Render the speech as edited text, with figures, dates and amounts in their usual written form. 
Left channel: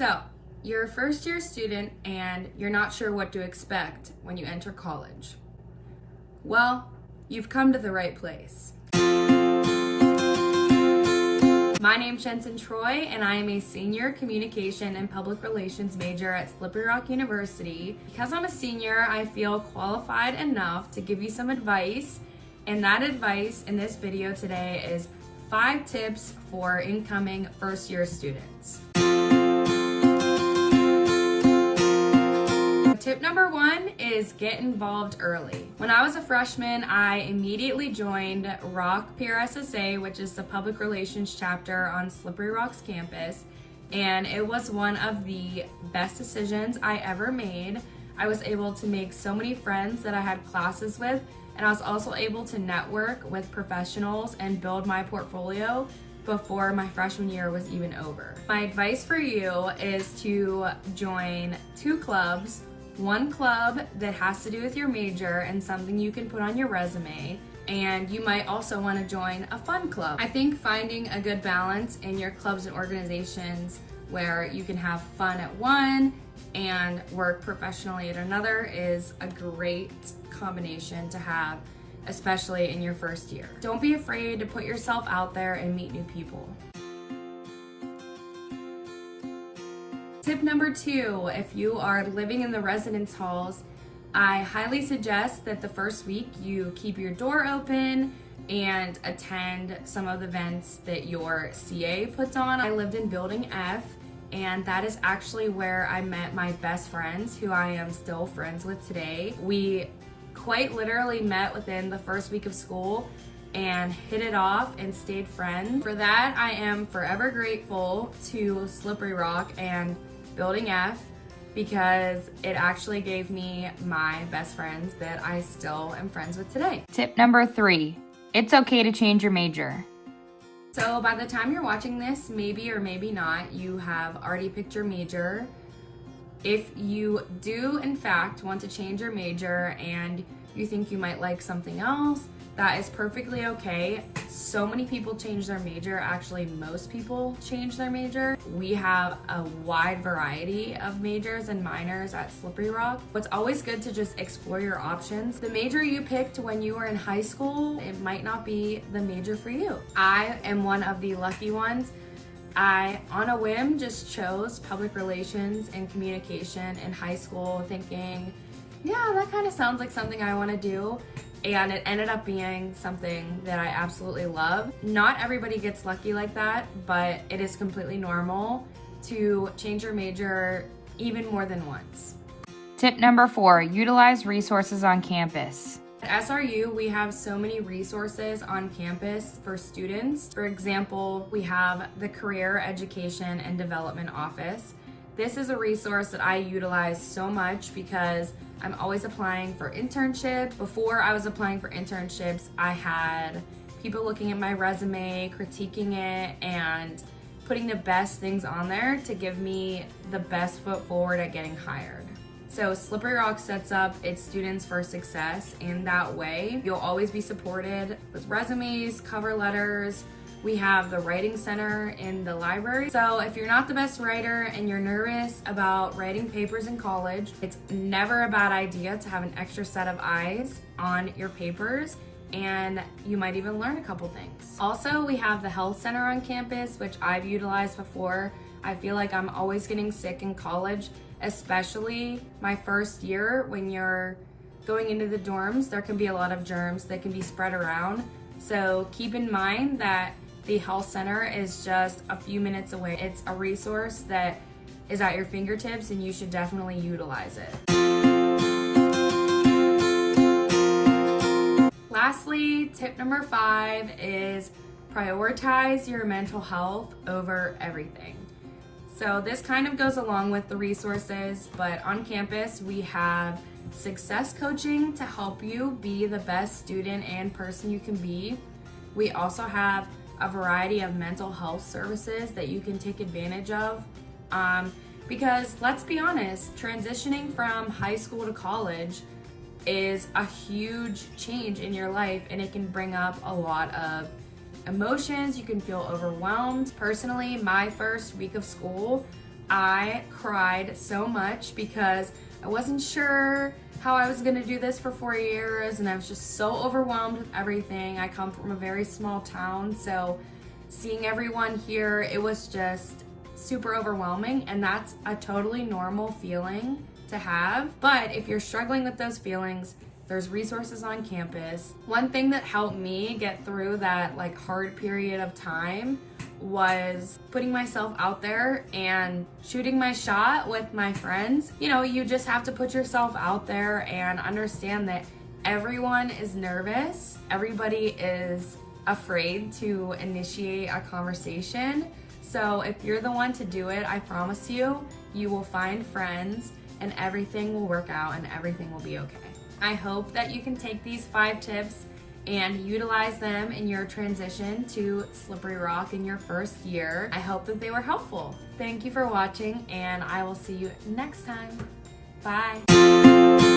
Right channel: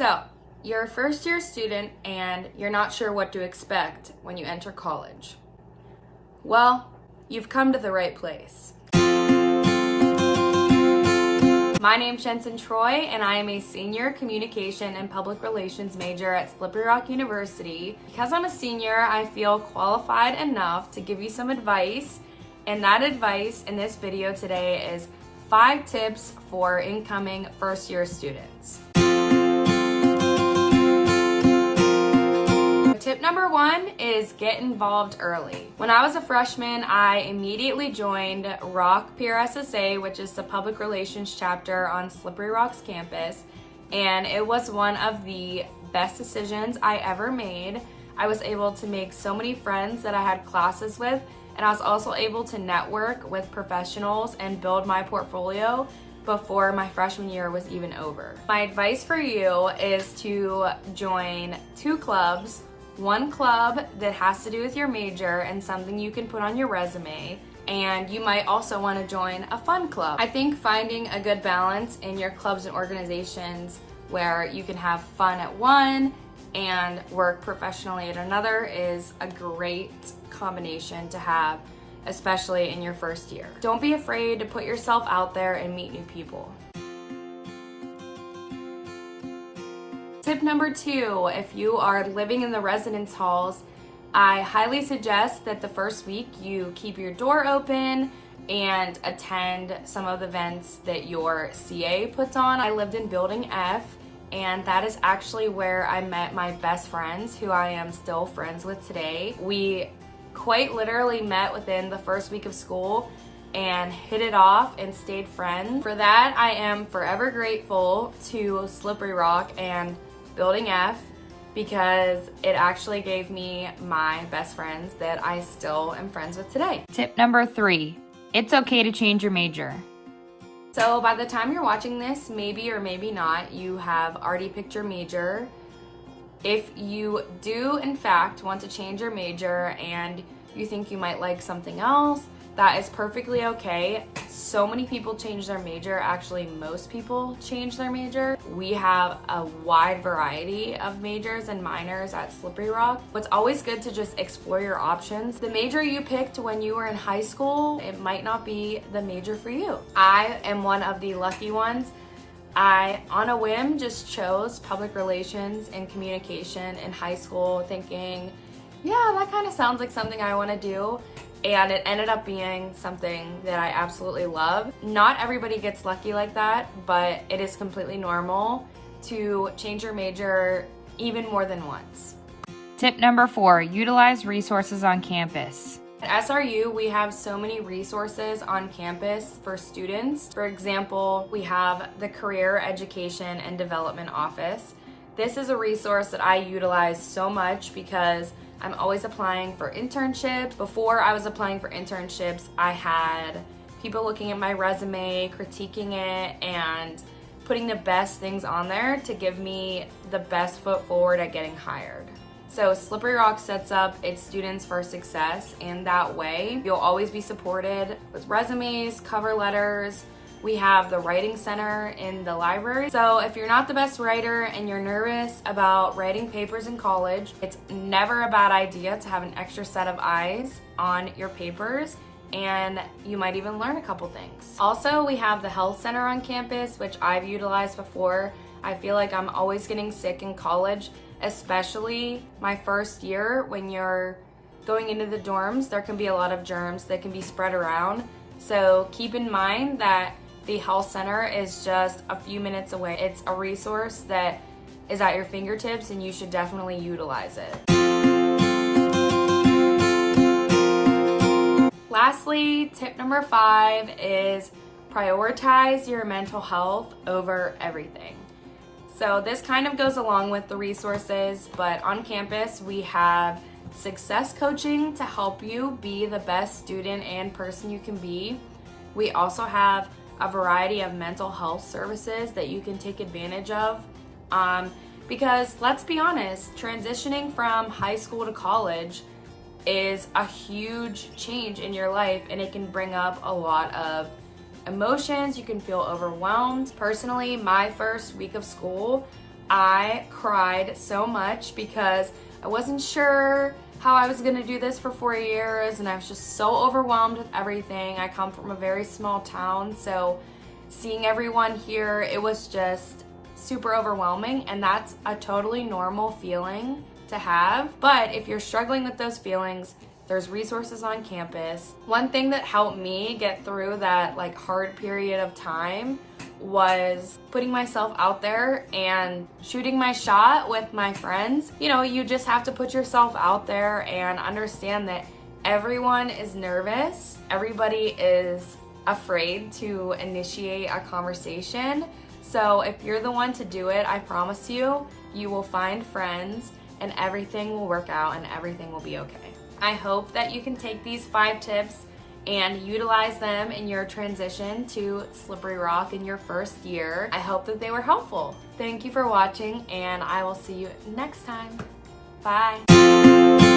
So, you're a first year student and you're not sure what to expect when you enter college. Well, you've come to the right place. My name's Jensen and I am a senior communication and public relations major at Slippery Rock University. Because I'm a senior, I feel qualified enough to give you some advice, and that advice in this video today is 5 tips for incoming first year students. Tip number 1 is get involved early. When I was a freshman, I immediately joined ROC PRSSA, which is the public relations chapter on Slippery Rock's campus, and it was one of the best decisions I ever made. I was able to make so many friends that I had classes with, and I was also able to network with professionals and build my portfolio before my freshman year was even over. My advice for you is to join 2 clubs. One club that has to do with your major and something you can put on your resume, and you might also want to join a fun club. I think finding a good balance in your clubs and organizations where you can have fun at one and work professionally at another is a great combination to have, especially in your first year. Don't be afraid to put yourself out there and meet new people. Tip number 2, if you are living in the residence halls, I highly suggest that the first week you keep your door open and attend some of the events that your CA puts on. I lived in Building F, and that is actually where I met my best friends, who I am still friends with today. We quite literally met within the first week of school and hit it off and stayed friends. For that, I am forever grateful to Slippery Rock and Building F, because it actually gave me my best friends that I still am friends with today. Tip number 3, it's okay to change your major. So by the time you're watching this, maybe or maybe not, you have already picked your major. If you do in fact want to change your major and you think you might like something else, that is perfectly okay. So many people change their major. Actually, most people change their major. We have a wide variety of majors and minors at Slippery Rock. It's always good to just explore your options. The major you picked when you were in high school, it might not be the major for you. I am one of the lucky ones. I, on a whim, just chose public relations and communication in high school, thinking, yeah, that kind of sounds like something I want to do. And it ended up being something that I absolutely love. Not everybody gets lucky like that, but it is completely normal to change your major even more than once. Tip number 4, utilize resources on campus. At SRU, we have so many resources on campus for students. For example, we have the Career Education and Development Office. This is a resource that I utilize so much because I'm always applying for internships. Before I was applying for internships, I had people looking at my resume, critiquing it, and putting the best things on there to give me the best foot forward at getting hired. So Slippery Rock sets up its students for success in that way. You'll always be supported with resumes, cover letters. We have the writing center in the library. So if you're not the best writer and you're nervous about writing papers in college, it's never a bad idea to have an extra set of eyes on your papers, and you might even learn a couple things. Also, we have the health center on campus, which I've utilized before. I feel like I'm always getting sick in college, especially my first year. When you're going into the dorms, there can be a lot of germs that can be spread around. So keep in mind that the health center is just a few minutes away. It's a resource that is at your fingertips, and you should definitely utilize it. Lastly, tip number 5 is prioritize your mental health over everything. So this kind of goes along with the resources, but on campus we have success coaching to help you be the best student and person you can be. We also have a variety of mental health services that you can take advantage of, because let's be honest, transitioning from high school to college is a huge change in your life, and it can bring up a lot of emotions. You can feel overwhelmed. Personally, my first week of school I cried so much because I wasn't sure how I was gonna do this for 4 years, and I was just so overwhelmed with everything. I come from a very small town, so seeing everyone here, it was just super overwhelming, and that's a totally normal feeling to have. But if you're struggling with those feelings, there's resources on campus. One thing that helped me get through that like hard period of time was putting myself out there and shooting my shot with my friends. You know, you just have to put yourself out there and understand that everyone is nervous. Everybody is afraid to initiate a conversation. So if you're the one to do it, I promise you, you will find friends and everything will work out and everything will be okay. I hope that you can take these 5 tips and utilize them in your transition to Slippery Rock in your first year. I hope that they were helpful. Thank you for watching, and I will see you next time. Bye.